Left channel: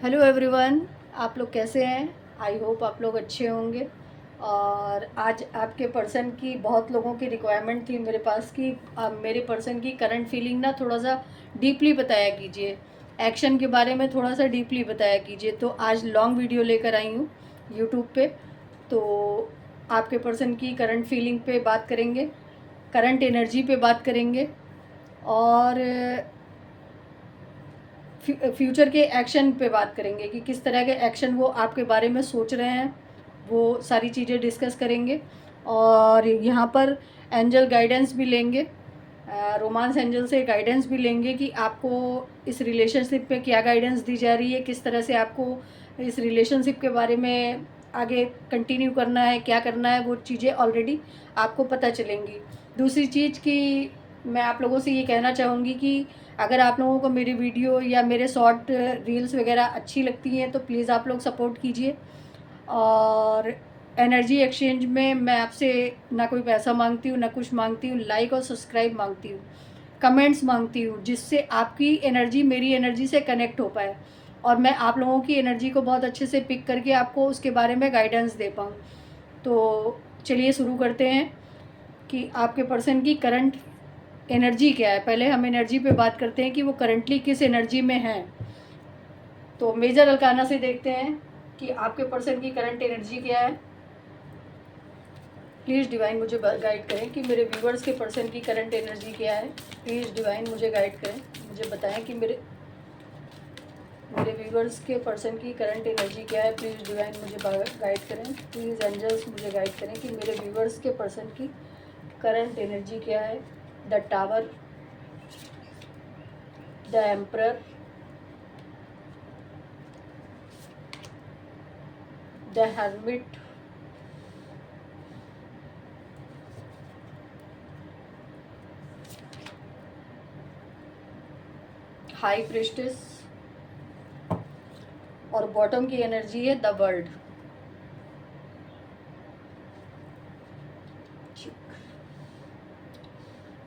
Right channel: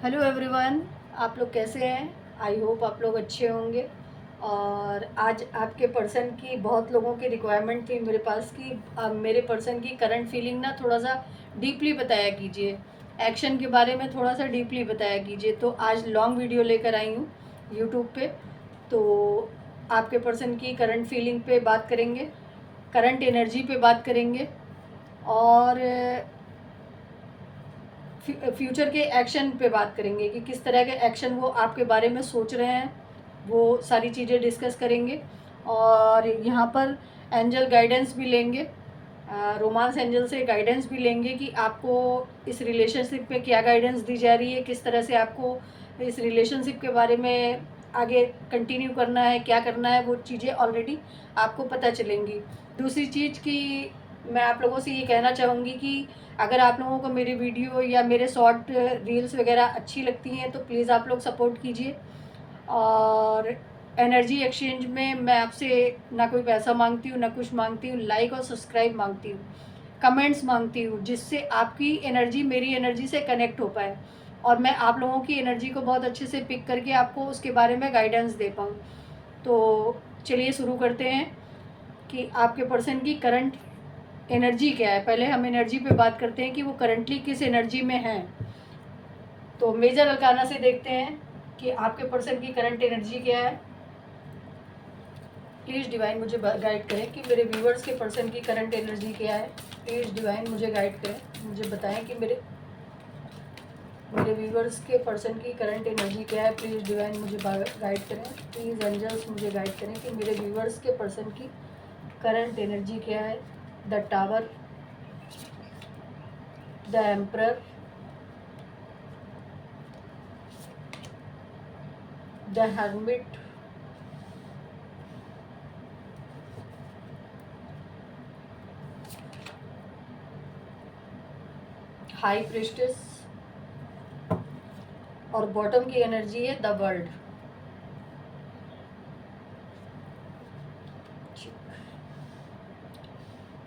Hello everyone, आप लोग कैसे हैं? आई होप आप लोग अच्छे होंगे। और आज आपके पर्सन की बहुत लोगों की रिक्वायरमेंट थी मेरे पास कि मेरे पर्सन की करंट फीलिंग ना थोड़ा सा डीपली बताया कीजिए, एक्शन के बारे में थोड़ा सा डीपली बताया कीजिए। तो आज लॉन्ग वीडियो लेकर आई हूँ यूट्यूब पे। तो आपके पर्सन की करंट फीलिंग पे बात करेंगे, करंट एनर्जी पे बात करेंगे और फ्यूचर के एक्शन पे बात करेंगे कि किस तरह के एक्शन वो आपके बारे में सोच रहे हैं। वो सारी चीज़ें डिस्कस करेंगे और यहाँ पर एंजल गाइडेंस भी लेंगे, रोमांस एंजल से गाइडेंस भी लेंगे कि आपको इस रिलेशनशिप पे क्या गाइडेंस दी जा रही है, किस तरह से आपको इस रिलेशनशिप के बारे में आगे कंटिन्यू करना है, क्या करना है। वो चीज़ें ऑलरेडी आपको पता चलेंगी। दूसरी चीज़ कि मैं आप लोगों से ये कहना चाहूँगी कि अगर आप लोगों को मेरी वीडियो या मेरे शॉर्ट रील्स वगैरह अच्छी लगती हैं तो प्लीज़ आप लोग सपोर्ट कीजिए। और एनर्जी एक्सचेंज में मैं आपसे ना कोई पैसा मांगती हूँ, ना कुछ मांगती हूँ, लाइक और सब्सक्राइब मांगती हूँ, कमेंट्स मांगती हूँ, जिससे आपकी एनर्जी मेरी एनर्जी से कनेक्ट हो पाए और मैं आप लोगों की एनर्जी को बहुत अच्छे से पिक करके आपको उसके बारे में गाइडेंस दे पाऊँ। तो चलिए शुरू करते हैं कि आपके पर्सन की करंट एनर्जी क्या है। पहले हम एनर्जी पे बात करते हैं कि वो करंटली किस एनर्जी में हैं। तो मेजर अरकाना से देखते हैं कि आपके पर्सन की करंट एनर्जी क्या है। प्लीज़ डिवाइन मुझे गाइड करें कि मेरे व्यूवर्स के पर्सन की करंट एनर्जी क्या है। प्लीज़ डिवाइन मुझे गाइड करें, मुझे बताएं कि मेरे मेरे व्यूवर्स के पर्सन की करंट एनर्जी क्या है। प्लीज़ डिवाइन मुझे गाइड करें। प्लीज़ एंजल्स मुझे गाइड करें कि मेरे व्यूवर्स के पर्सन की करंट एनर्जी क्या है। The tower, the emperor, the hermit, high priestess और बॉटम की एनर्जी है द वर्ल्ड।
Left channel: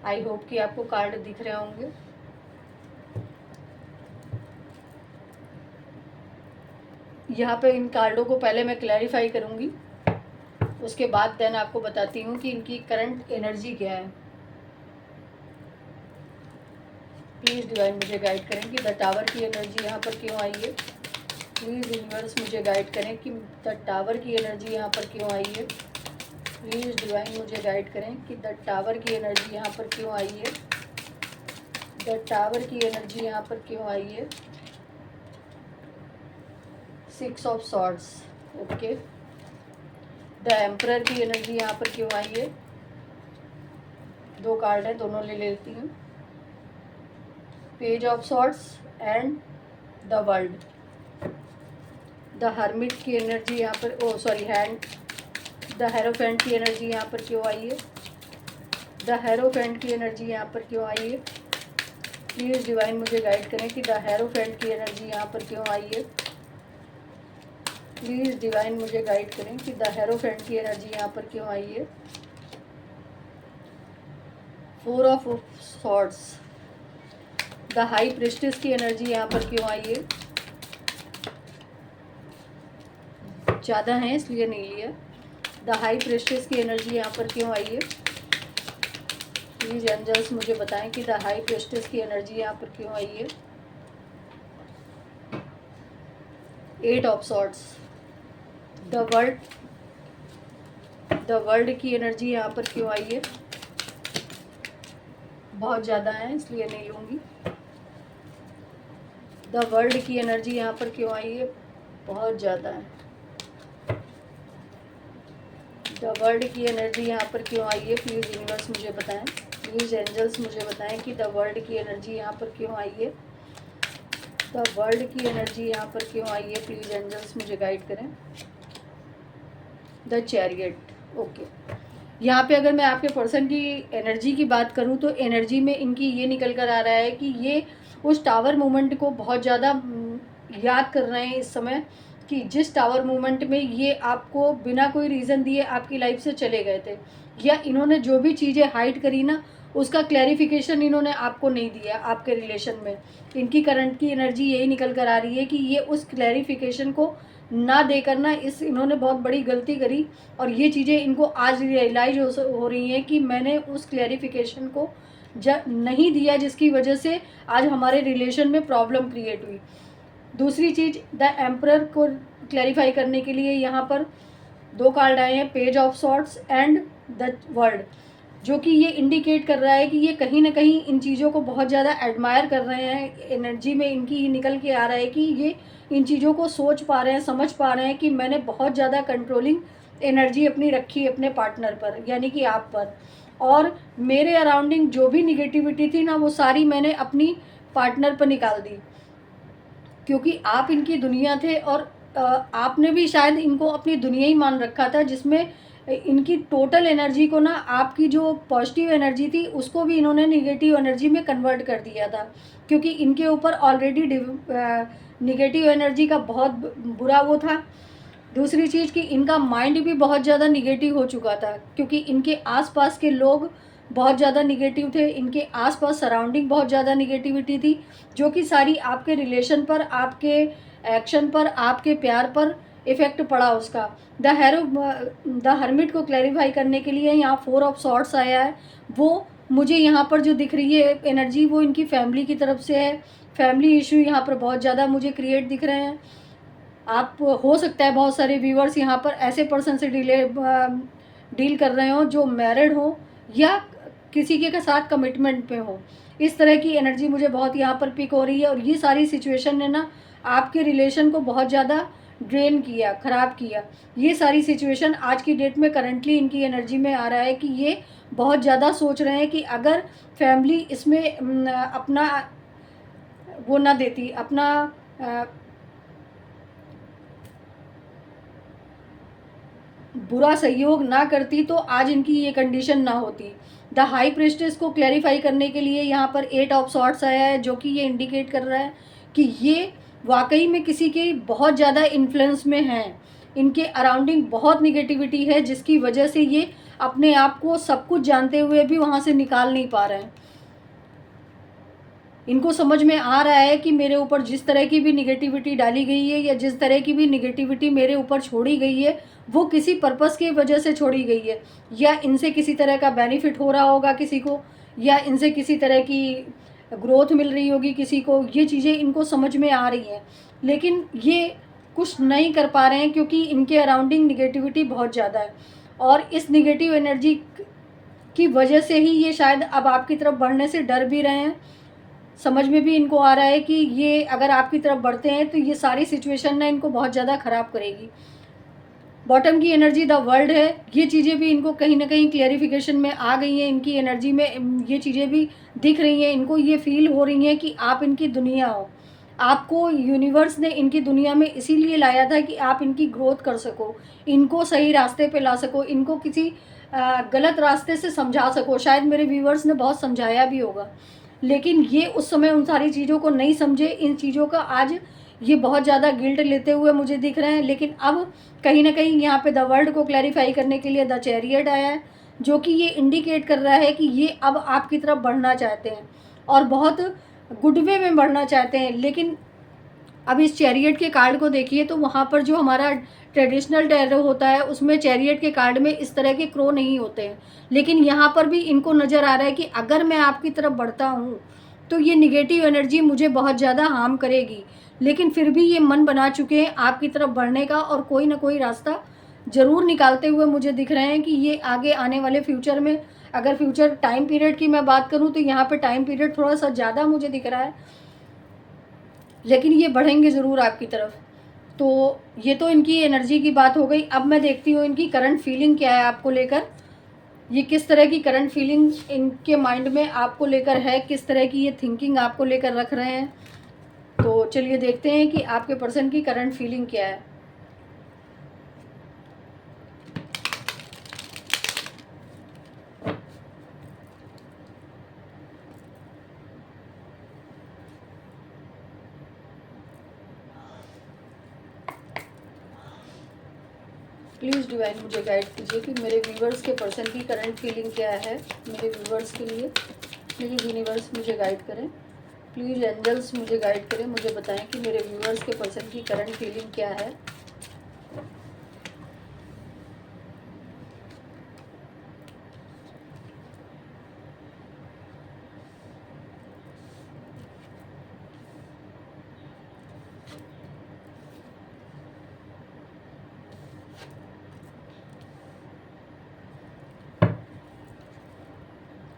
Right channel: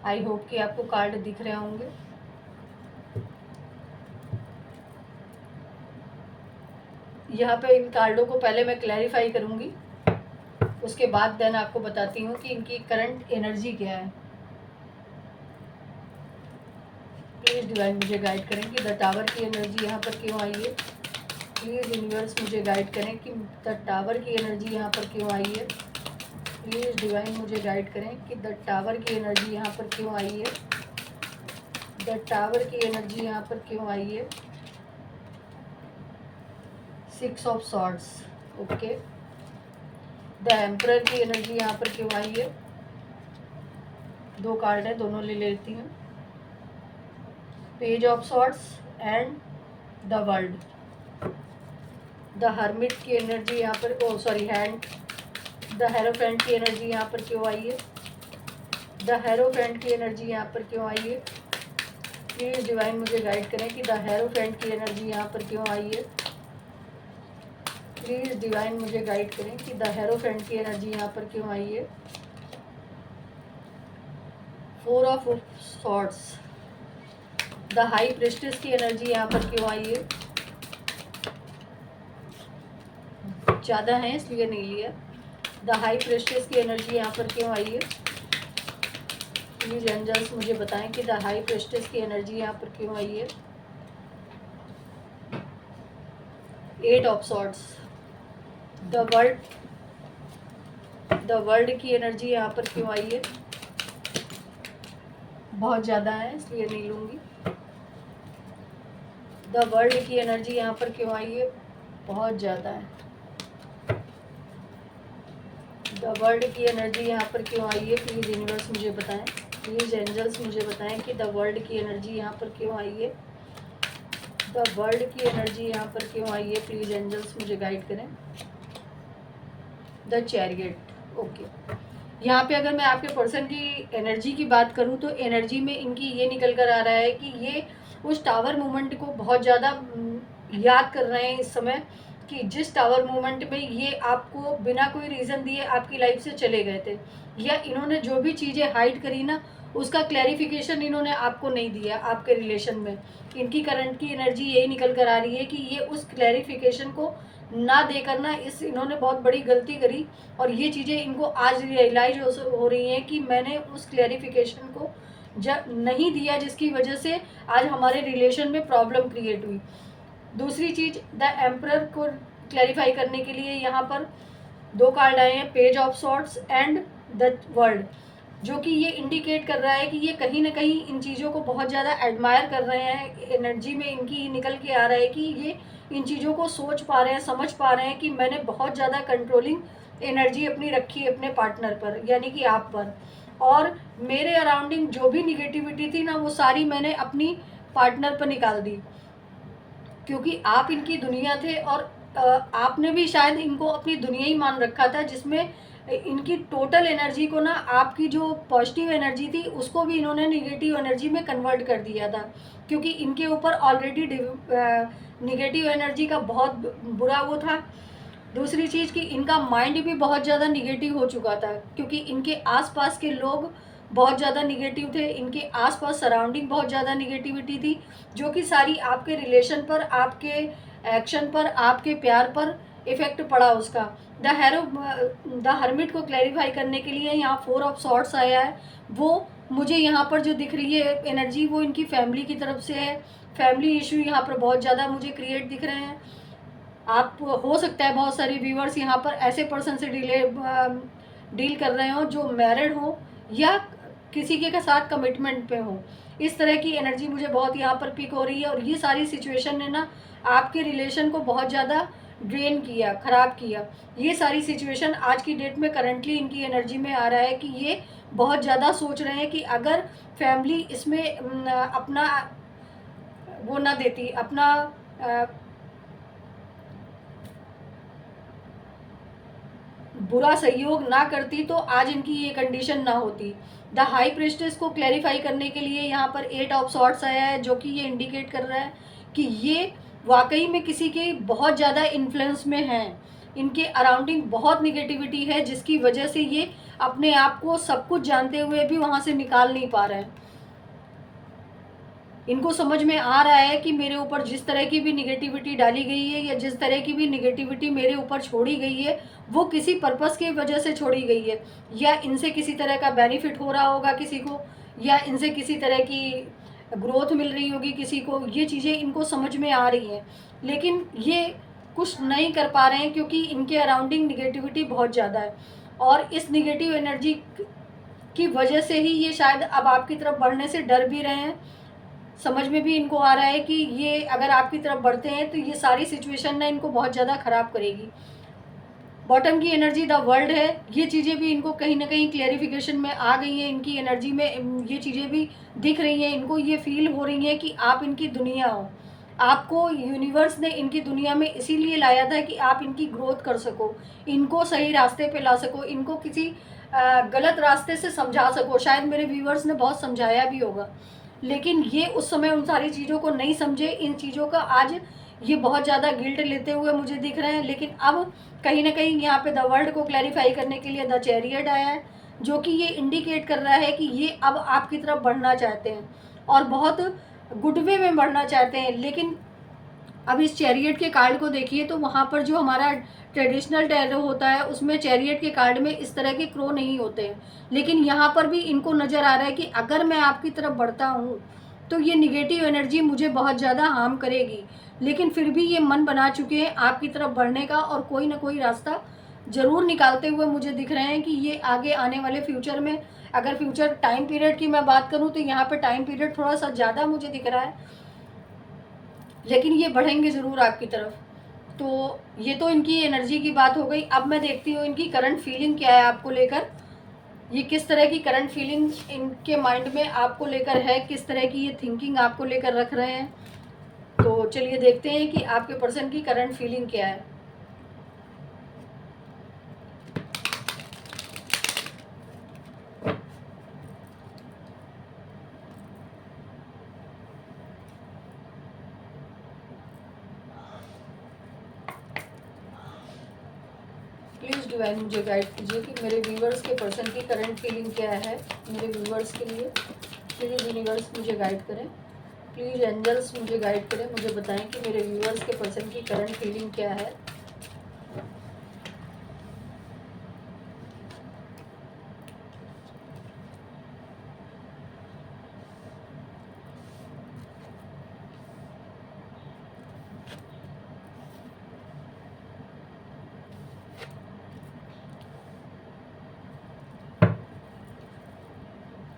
आई होप कि आपको कार्ड दिख रहे होंगे। यहाँ पे इन कार्डों को पहले मैं क्लैरिफाई करूँगी, उसके बाद देन आपको बताती हूँ कि इनकी करंट एनर्जी क्या है। प्लीज़ डिवाइन मुझे गाइड करें कि द टावर की एनर्जी यहाँ पर क्यों आई है। प्लीज़ यूनिवर्स मुझे गाइड करें कि द टावर की एनर्जी यहाँ पर क्यों आई है। प्लीज़ डिवाइन मुझे गाइड करें कि द टावर की एनर्जी यहाँ पर क्यों आई है। द टावर की एनर्जी यहाँ पर क्यों आई है। 6 of swords, okay. The emperor की एनर्जी यहाँ पर क्यों आई है। 2 कार्ड है, दोनों ले लेती हूँ। Page of swords and the world. The hermit की एनर्जी यहाँ पर, ओ सॉरी, हैंड, द हेरोफेंट की एनर्जी यहाँ पर क्यों आई है। द हेरोफेंट की एनर्जी यहाँ पर क्यों आई है। प्लीज़ डिवाइन मुझे गाइड करें कि द हेरोफेंट की एनर्जी यहाँ पर क्यों आई है। प्लीज़ डिवाइन मुझे गाइड करें कि द हेरोफेंट की एनर्जी यहाँ पर क्यों आई है। 4 of swords, the high priestess की एनर्जी यहाँ पर क्यों आई है। ज़्यादा है इसलिए नहीं लिया। द हाई प्रिस्टेस की एनर्जी यहाँ पर क्यों आई है। प्लीज एंजल्स मुझे बताएं कि द हाई प्रिस्टेस की एनर्जी यहाँ पर क्यों आई है। 8 ऑफ सॉर्ड्स, द वर्ल्ड की एनर्जी यहाँ पर क्यों आई है। बहुत ज़्यादा है इसलिए नहीं लूँगी। द वर्ल्ड की एनर्जी यहाँ पर क्यों आई है, बहुत ज़्यादा है। द वर्ल्ड की एनर्जी यहाँ पर क्यों आई है। प्लीज़ यूनिवर्स मुझे बताएं, प्लीज़ एंजल्स मुझे बताएं कि द वर्ल्ड की एनर्जी यहाँ पर क्यों आई है। द वर्ल्ड की एनर्जी यहाँ पर क्यों आई है। प्लीज़ एंजल्स मुझे गाइड करें। The chariot, okay. यहाँ पे अगर मैं आपके पर्सन की एनर्जी की बात करूँ तो एनर्जी में इनकी ये निकल कर आ रहा है कि ये उस टावर मूवमेंट को बहुत ज़्यादा याद कर रहे हैं इस समय, कि जिस टावर मूवमेंट में ये आपको बिना कोई रीज़न दिए आपकी लाइफ से चले गए थे, या इन्होंने जो भी चीज़ें हाइड करी ना उसका क्लैरिफिकेशन इन्होंने आपको नहीं दिया आपके रिलेशन में। इनकी करंट की एनर्जी यही निकल कर आ रही है कि ये उस क्लैरिफिकेशन को ना देकर ना इन्होंने बहुत बड़ी गलती करी, और ये चीज़ें इनको आज रियलाइज हो रही हैं कि मैंने उस क्लैरिफिकेशन को नहीं दिया, जिसकी वजह से आज हमारे रिलेशन में प्रॉब्लम क्रिएट हुई। दूसरी चीज़, द एम्परर को क्लैरिफाई करने के लिए यहाँ पर 2 कार्ड आए हैं, page of swords and the world, जो कि ये इंडिकेट कर रहा है कि ये कहीं ना कहीं इन चीज़ों को बहुत ज़्यादा एडमायर कर रहे हैं। एनर्जी में इनकी निकल के आ रहा है कि ये इन चीज़ों को सोच पा रहे हैं, समझ पा रहे हैं कि मैंने बहुत ज़्यादा कंट्रोलिंग एनर्जी अपनी रखी अपने पार्टनर पर, यानी कि आप पर, और मेरे अराउंडिंग जो भी निगेटिविटी थी ना वो सारी मैंने अपनी पार्टनर पर निकाल दी, क्योंकि आप इनकी दुनिया थे, और आपने भी शायद इनको अपनी दुनिया ही मान रखा था, जिसमें इनकी टोटल एनर्जी को ना, आपकी जो पॉजिटिव एनर्जी थी उसको भी इन्होंने निगेटिव एनर्जी में कन्वर्ट कर दिया था, क्योंकि इनके ऊपर ऑलरेडी निगेटिव एनर्जी का बहुत बुरा वो था। दूसरी चीज़ कि इनका माइंड भी बहुत ज़्यादा निगेटिव हो चुका था, क्योंकि इनके आसपास के लोग बहुत ज़्यादा निगेटिव थे, इनके आसपास सराउंडिंग बहुत ज़्यादा निगेटिविटी थी, जो कि सारी आपके रिलेशन पर, आपके एक्शन पर, आपके प्यार पर इफ़ेक्ट पड़ा उसका। द हर्मिट को क्लैरिफाई करने के लिए यहाँ 4 ऑफ सॉर्ट्स आया है। वो मुझे यहाँ पर जो दिख रही है एनर्जी, वो इनकी फैमिली की तरफ से है। फैमिली इशू यहाँ पर बहुत ज़्यादा मुझे क्रिएट दिख रहे हैं। आप, हो सकता है बहुत सारे व्यूअर्स यहाँ पर ऐसे पर्सन से डील कर रहे हो जो मैरिड हो या किसी के साथ कमिटमेंट पे हो। इस तरह की एनर्जी मुझे बहुत यहाँ पर पिक हो रही है, और ये सारी सिचुएशन ने ना आपके रिलेशन को बहुत ज़्यादा ड्रेन किया, ख़राब किया। ये सारी सिचुएशन आज की डेट में करंटली इनकी एनर्जी में आ रहा है कि ये बहुत ज़्यादा सोच रहे हैं कि अगर फैमिली इसमें अपना वो ना देती, अपना बुरा सहयोग ना करती, तो आज इनकी ये कंडीशन ना होती। द हाई प्रेस्टेस को क्लैरिफाई करने के लिए यहाँ पर 8 ऑफ सॉर्ट्स आया है, जो कि ये इंडिकेट कर रहा है कि ये वाकई में किसी के बहुत ज़्यादा इन्फ्लुएंस में हैं। इनके अराउंडिंग बहुत निगेटिविटी है, जिसकी वजह से ये अपने आप को सब कुछ जानते हुए भी वहाँ से निकाल नहीं पा रहे हैं। इनको समझ में आ रहा है कि मेरे ऊपर जिस तरह की भी निगेटिविटी डाली गई है, या जिस तरह की भी निगेटिविटी मेरे ऊपर छोड़ी गई है, वो किसी पर्पस की वजह से छोड़ी गई है, या इनसे किसी तरह का बेनिफिट हो रहा होगा किसी को, या इनसे किसी तरह की ग्रोथ मिल रही होगी किसी को। ये चीज़ें इनको समझ में आ रही हैं, लेकिन ये कुछ नहीं कर पा रहे हैं, क्योंकि इनके अराउंडिंग निगेटिविटी बहुत ज़्यादा है, और इस निगेटिव एनर्जी की वजह से ही ये शायद अब आपकी तरफ बढ़ने से डर भी रहे हैं। समझ में भी इनको आ रहा है कि ये अगर आपकी तरफ बढ़ते हैं तो ये सारी सिचुएशन ना इनको बहुत ज़्यादा ख़राब करेगी। बॉटम की एनर्जी द वर्ल्ड है। ये चीज़ें भी इनको कहीं ना कहीं क्लैरिफिकेशन में आ गई हैं, इनकी एनर्जी में ये चीज़ें भी दिख रही हैं, इनको ये फील हो रही हैं कि आप इनकी दुनिया हो। आपको यूनिवर्स ने इनकी दुनिया में इसीलिए लाया था कि आप इनकी ग्रोथ कर सको, इनको सही रास्ते पे ला सको, इनको किसी गलत रास्ते से समझा सको। शायद मेरे व्यूवर्स ने बहुत समझाया भी होगा, लेकिन ये उस समय उन सारी चीज़ों को नहीं समझे। इन चीज़ों का आज ये बहुत ज़्यादा गिल्ट लेते हुए मुझे दिख रहे हैं। लेकिन अब कहीं ना कहीं यहाँ पे द वर्ल्ड को क्लैरिफाई करने के लिए द चैरियट आया है, जो कि ये इंडिकेट कर रहा है कि ये अब आपकी तरफ बढ़ना चाहते हैं, और बहुत गुड वे में बढ़ना चाहते हैं। लेकिन अब इस चैरियट के कार्ड को देखिए, तो वहाँ पर जो हमारा ट्रेडिशनल टैरो होता है उसमें चैरियट के कार्ड में इस तरह के क्रो नहीं होते हैं, लेकिन यहाँ पर भी इनको नज़र आ रहा है कि अगर मैं आपकी तरफ बढ़ता हूँ तो ये निगेटिव एनर्जी मुझे बहुत ज़्यादा हार्म करेगी। लेकिन फिर भी ये मन बना चुके हैं आपकी तरफ बढ़ने का, और कोई ना कोई रास्ता ज़रूर निकालते हुए मुझे दिख रहे हैं कि ये आगे आने वाले फ्यूचर में, अगर फ्यूचर टाइम पीरियड की मैं बात करूँ तो यहाँ पर टाइम पीरियड थोड़ा सा ज़्यादा मुझे दिख रहा है, लेकिन ये बढ़ेंगे ज़रूर आपकी तरफ। तो ये तो इनकी एनर्जी की बात हो गई। अब मैं देखती हूँ इनकी करंट फीलिंग क्या है आपको लेकर। ये किस तरह की करंट फीलिंग इनके माइंड में आपको लेकर है, किस तरह की ये थिंकिंग आपको लेकर रख रहे हैं। तो चलिए देखते हैं कि आपके पर्सन की करंट फीलिंग क्या है। प्लीज़ डिवाइन मुझे गाइड कीजिए कि मेरे व्यूवर्स के पर्सन की करंट फीलिंग क्या है मेरे व्यूवर्स के लिए। प्लीज़ यूनिवर्स मुझे गाइड करें, प्लीज़ एंजल्स मुझे गाइड करें, मुझे बताएं कि मेरे व्यूवर्स के पर्सन की करंट फीलिंग क्या है।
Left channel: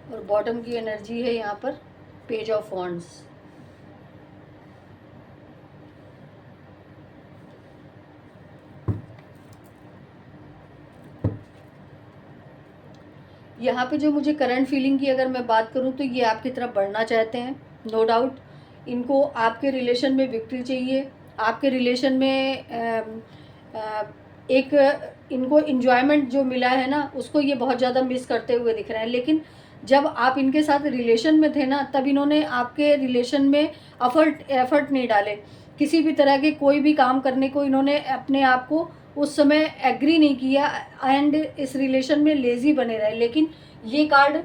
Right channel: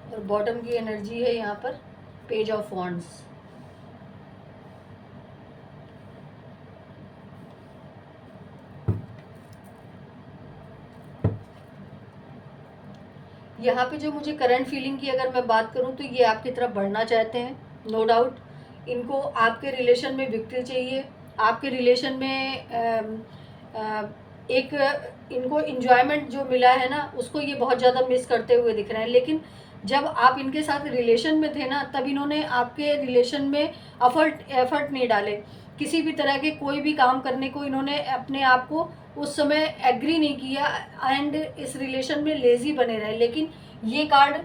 और बॉटम की एनर्जी है यहाँ पर पेज ऑफ वॉन्ड्स। यहाँ पे जो मुझे करंट फीलिंग की अगर मैं बात करूँ तो ये आपकी तरफ बढ़ना चाहते हैं, नो डाउट। इनको आपके रिलेशन में विक्ट्री चाहिए, आपके रिलेशन में एक इनको इन्जॉयमेंट जो मिला है ना उसको ये बहुत ज़्यादा मिस करते हुए दिख रहे हैं। लेकिन जब आप इनके साथ रिलेशन में थे ना तब इन्होंने आपके रिलेशन में एफर्ट नहीं डाले, किसी भी तरह के कोई भी काम करने को इन्होंने अपने आप को उस समय एग्री नहीं किया एंड इस रिलेशन में लेज़ी बने रहे। लेकिन ये कार्ड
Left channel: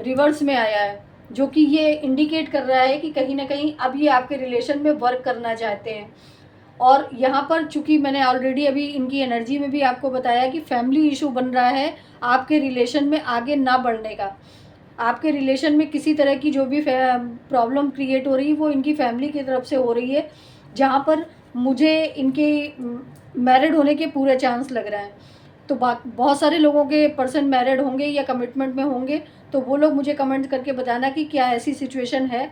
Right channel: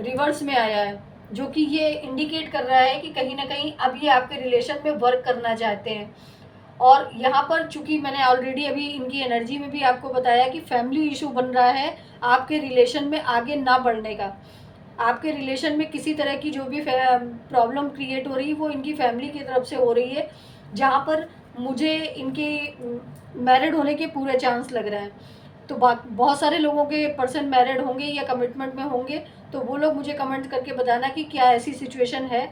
रिवर्स में आया है जो कि ये इंडिकेट कर रहा है कि कहीं ना कहीं अब ये आपके रिलेशन में वर्क करना चाहते हैं। और यहाँ पर चूंकि मैंने ऑलरेडी अभी इनकी एनर्जी में भी आपको बताया कि फैमिली इशू बन रहा है आपके रिलेशन में आगे ना बढ़ने का। आपके रिलेशन में किसी तरह की जो भी प्रॉब्लम क्रिएट हो रही है वो इनकी फैमिली की तरफ से हो रही है, जहाँ पर मुझे इनके मैरिड होने के पूरे चांस लग रहे हैं। तो बहुत सारे लोगों के पर्सन मैरिड होंगे या कमिटमेंट में होंगे, तो वो लोग मुझे कमेंट करके बताना कि क्या ऐसी सिचुएशन है।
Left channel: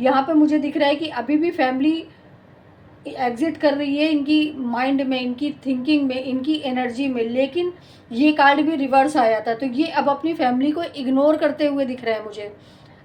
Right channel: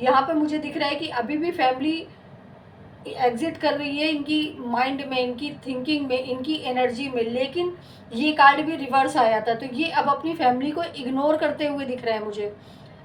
यहाँ पे मुझे दिख रहा है कि अभी भी फैमिली एग्जिट कर रही है इनकी माइंड में, इनकी थिंकिंग में, इनकी एनर्जी में। लेकिन ये कार्ड भी रिवर्स आया था, तो ये अब अपनी फैमिली को इग्नोर करते हुए दिख रहा है मुझे,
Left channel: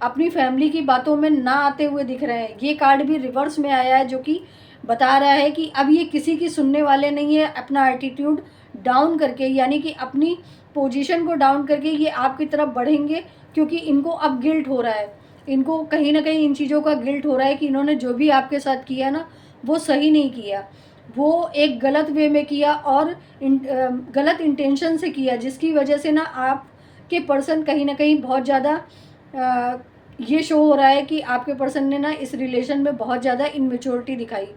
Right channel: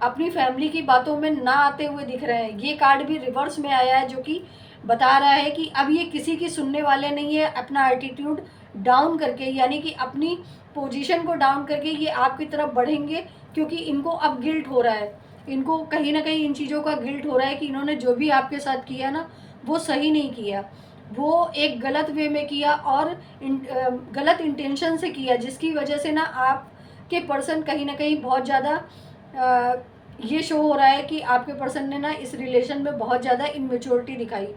अपनी फैमिली की बातों में ना आते हुए दिख रहे हैं। ये कार्ड भी रिवर्स में आया है जो कि बता रहा है कि अब ये किसी की सुनने वाले नहीं है। अपना एटीट्यूड डाउन करके, यानी कि अपनी पोजीशन को डाउन करके ये आपकी तरफ बढ़ेंगे, क्योंकि इनको अब गिल्ट हो रहा है। इनको कहीं ना कहीं इन चीज़ों का गिल्ट हो रहा है कि इन्होंने जो भी आपके साथ किया ना वो सही नहीं किया, वो एक गलत वे में किया और गलत इंटेंशन से किया, जिसकी वजह से ना आपके पर्सन कहीं ना कहीं बहुत ज़्यादा ये शो हो रहा है कि आपके पर्सन ने ना इस रिलेशन में बहुत ज़्यादा इनमेच्योरिटी दिखाई।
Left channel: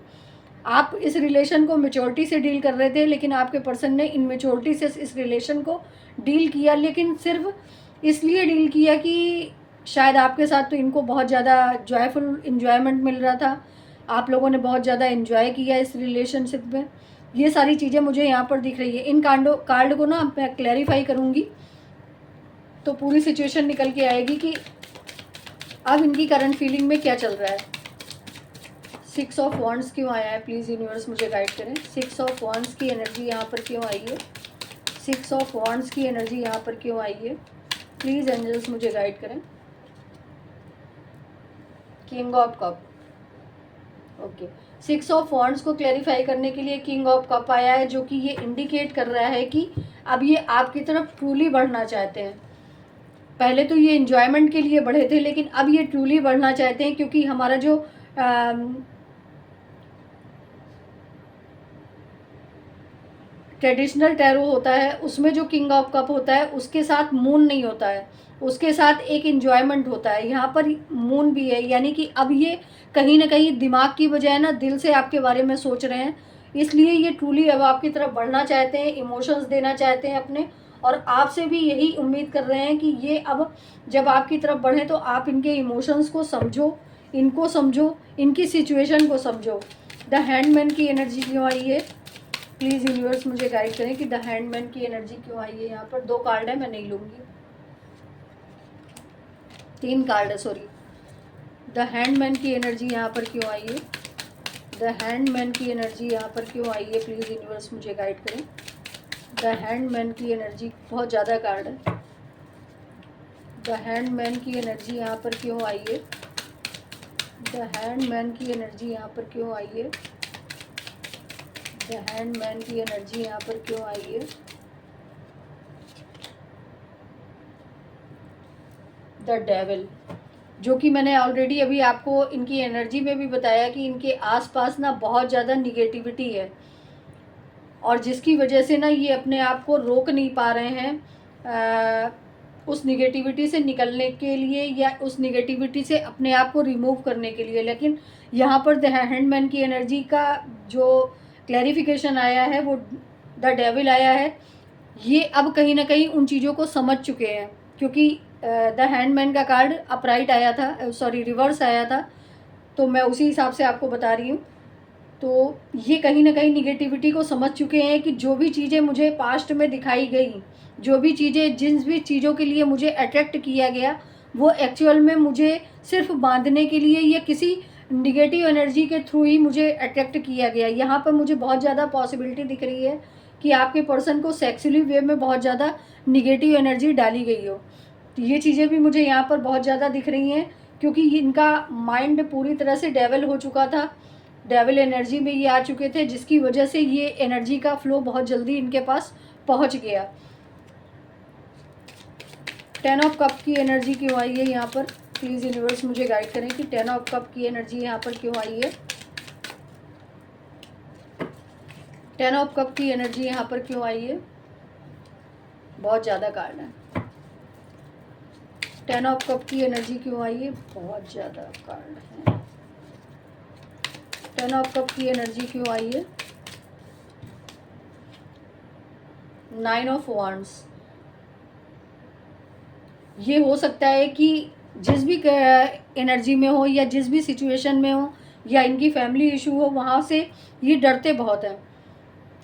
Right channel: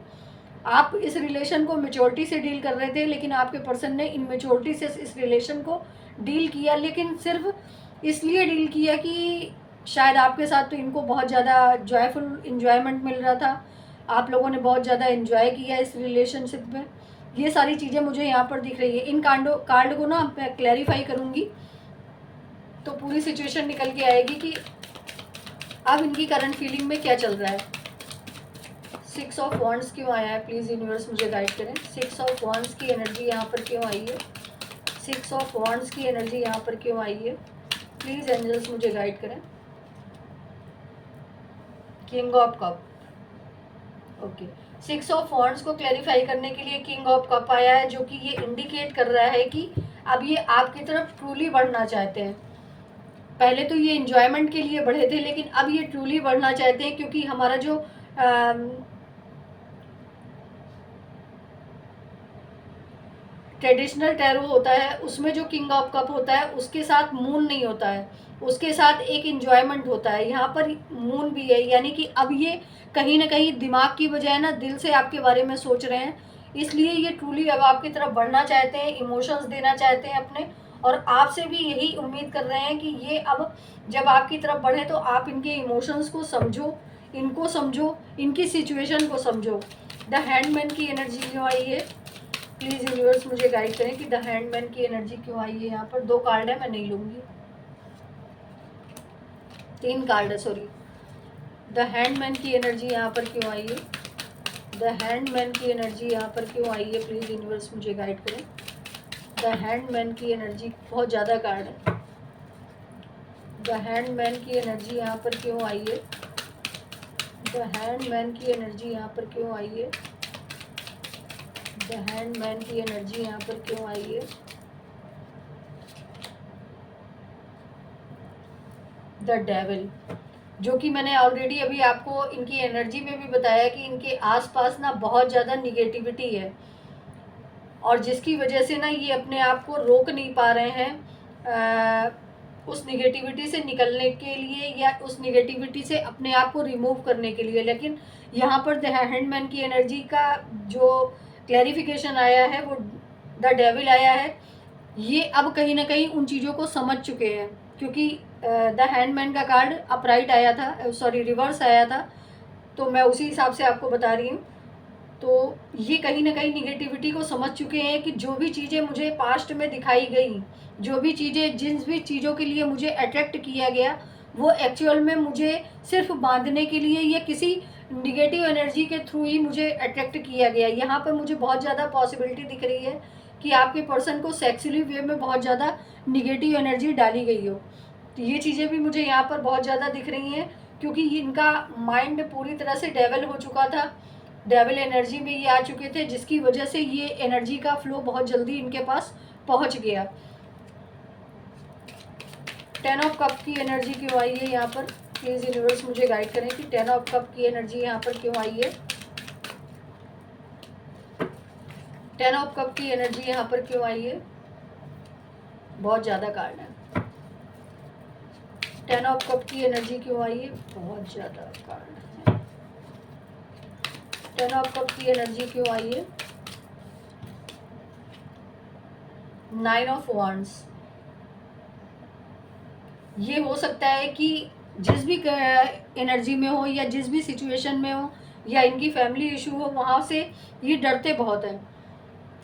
आप इस रिलेशन को मेच्योरिटी से डील कर रहे थे, लेकिन आपके पर्सन ने इनमेच्योरिटी से इस रिलेशन को डील किया। लेकिन सिर्फ इसलिए डील किया कि शायद आपके साथ तो इनको बहुत ज़्यादा जॉयफुल इन्जॉयमेंट मिल रहा था, आप लोगों ने बहुत ज़्यादा इन्जॉय किया इस रिलेशनशिप में। ये सारी चीज़ें मुझे यहाँ पर दिख रही है। इन कार्ड को ना मैं क्लैरिफाई करूँगी तो पूरी सिचुएशन निकल के आएगी कि अब इनकी करंट फीलिंग में क्या चल रहा है। 6 ऑफ वॉन्ड्स क्यों आया है, प्लीज़ यूनिवर्स मुझे गाइड करें। 6 ऑफ वॉन्ड्स की एनर्जी यहाँ पर क्यों आई है, 6 ऑफ वॉन्ड्स की एनर्जी यहाँ पर क्यों आई है, प्लीज़ एंजल्स मुझे गाइड करें। King of cup, okay. 6 of wands को क्लैरिफाई करने के लिए किंग ऑफ कप आया है, जो कि ये इंडिकेट कर रहा है कि अब ये आपकी तरफ ट्रूली बढ़ना चाहते हैं। पहले तो ये इंजॉयमेंट के लिए बढ़े थे, लेकिन अब ये ट्रूली बढ़ना चाहते हैं, क्योंकि हमारा जो ट्रेडिशनल टैरो होता है उसमें जो किंग ऑफ कप होता है उसके साथ मून नहीं होता है, उसके साथ एक इंजॉयमेंट होता है। यहाँ पर मून भी है, यानी कि अब ये कहीं ना कहीं दिमाग की बजाय ना दिल से आपके बारे में सोच रहे हैं, इसलिए ये ट्रूली अब आपकी तरफ बढ़ना चाहते हैं, इमोशंस देना चाहते हैं अपने। और आपसे भी यही उम्मीद कर रहे हैं कि ये अब जब आपकी तरफ बढ़े तो आप इनके इमोशंस को समझो, इनको समझो, इनकी सिचुएशन को समझो। द हैंडमैन की एनर्जी क्यों आई है, प्लीज़ यूनिवर्स मुझे गाइड करें कि द हैंडमैन की एनर्जी क्यों आई है। यहाँ पर 2 कार्ड है, मैं नहीं लूँगी, 3 कार्ड है, सॉरी। द हैंडमैन की एनर्जी यहाँ पर क्यों आई है, द हैंडमैन की एनर्जी यहाँ पर क्यों आई है, प्लीज़ यूनिवर्स मुझे गाइड करें। द हैंडमैन की एनर्जी, बहुत ज़्यादा कार्ड है। द हैंडमैन की एनर्जी यहाँ पर क्यों आई है, द हैंडमैन की एनर्जी यहाँ पर क्यों आई है, द हैंडमैन की एनर्जी यहाँ पर क्यों आई है। द डेविल, जो कि मैंने ऑलरेडी अभी आपको इनकी एनर्जी में भी बताया कि इनके आसपास ना बहुत ज़्यादा निगेटिविटी है और जिसकी वजह से ना ये अपने आप को रोक नहीं पा रहे हैं उस निगेटिविटी से निकलने के लिए या उस निगेटिविटी से अपने आप को रिमूव करने के लिए। लेकिन यहाँ पर द हैंडमैन की एनर्जी का जो क्लैरिफिकेशन आया है वो द डेविल आया है। ये अब कहीं ना कहीं उन चीज़ों को समझ चुके हैं, क्योंकि द हैंडमैन का कार्ड अपराइट आया था, सॉरी रिवर्स आया था, तो मैं उसी हिसाब से आपको बता रही हूँ। तो ये कहीं ना कहीं निगेटिविटी को समझ चुके हैं कि जो भी चीज़ें मुझे पास्ट में दिखाई गई, जो भी चीज़ें, जिन भी चीज़ों के लिए मुझे अट्रैक्ट किया गया, वो एक्चुअल में मुझे सिर्फ बांधने के लिए या किसी निगेटिव एनर्जी के थ्रू ही मुझे अट्रैक्ट किया गया। यहाँ पर मुझे बहुत ज़्यादा पॉसिबिलिटी दिख रही है कि आपके पर्सन को सेक्सुअली वे में बहुत ज़्यादा निगेटिव एनर्जी डाली गई हो। तो ये चीज़ें भी मुझे यहाँ पर बहुत ज़्यादा दिख रही हैं, क्योंकि इनका माइंड पूरी तरह से डेवल हो चुका था, डेविल एनर्जी में ये आ चुके थे, जिसकी वजह से ये एनर्जी का फ्लो बहुत जल्दी इनके पास पहुंच गया। 10 ऑफ कप की एनर्जी क्यों आई है यहाँ पर? प्लीज़ यूनिवर्स मुझे गाइड करें कि 10 ऑफ कप की एनर्जी यहाँ पर क्यों आई है। 10 ऑफ कप की एनर्जी यहाँ पर क्यों आई है? बहुत ज़्यादा कार्ड है। 10 ऑफ कप की एनर्जी क्यों आई है? बहुत ज़्यादा कार्ड है। 10 ऑफ कप की एनर्जी क्यों आई है? 9 ऑफ वांड्स। ये हो सकता है कि जिस भी एनर्जी में हो या जिस भी सिचुएशन में हो या इनकी फैमिली इशू हो, वहाँ से ये डरते बहुत हैं।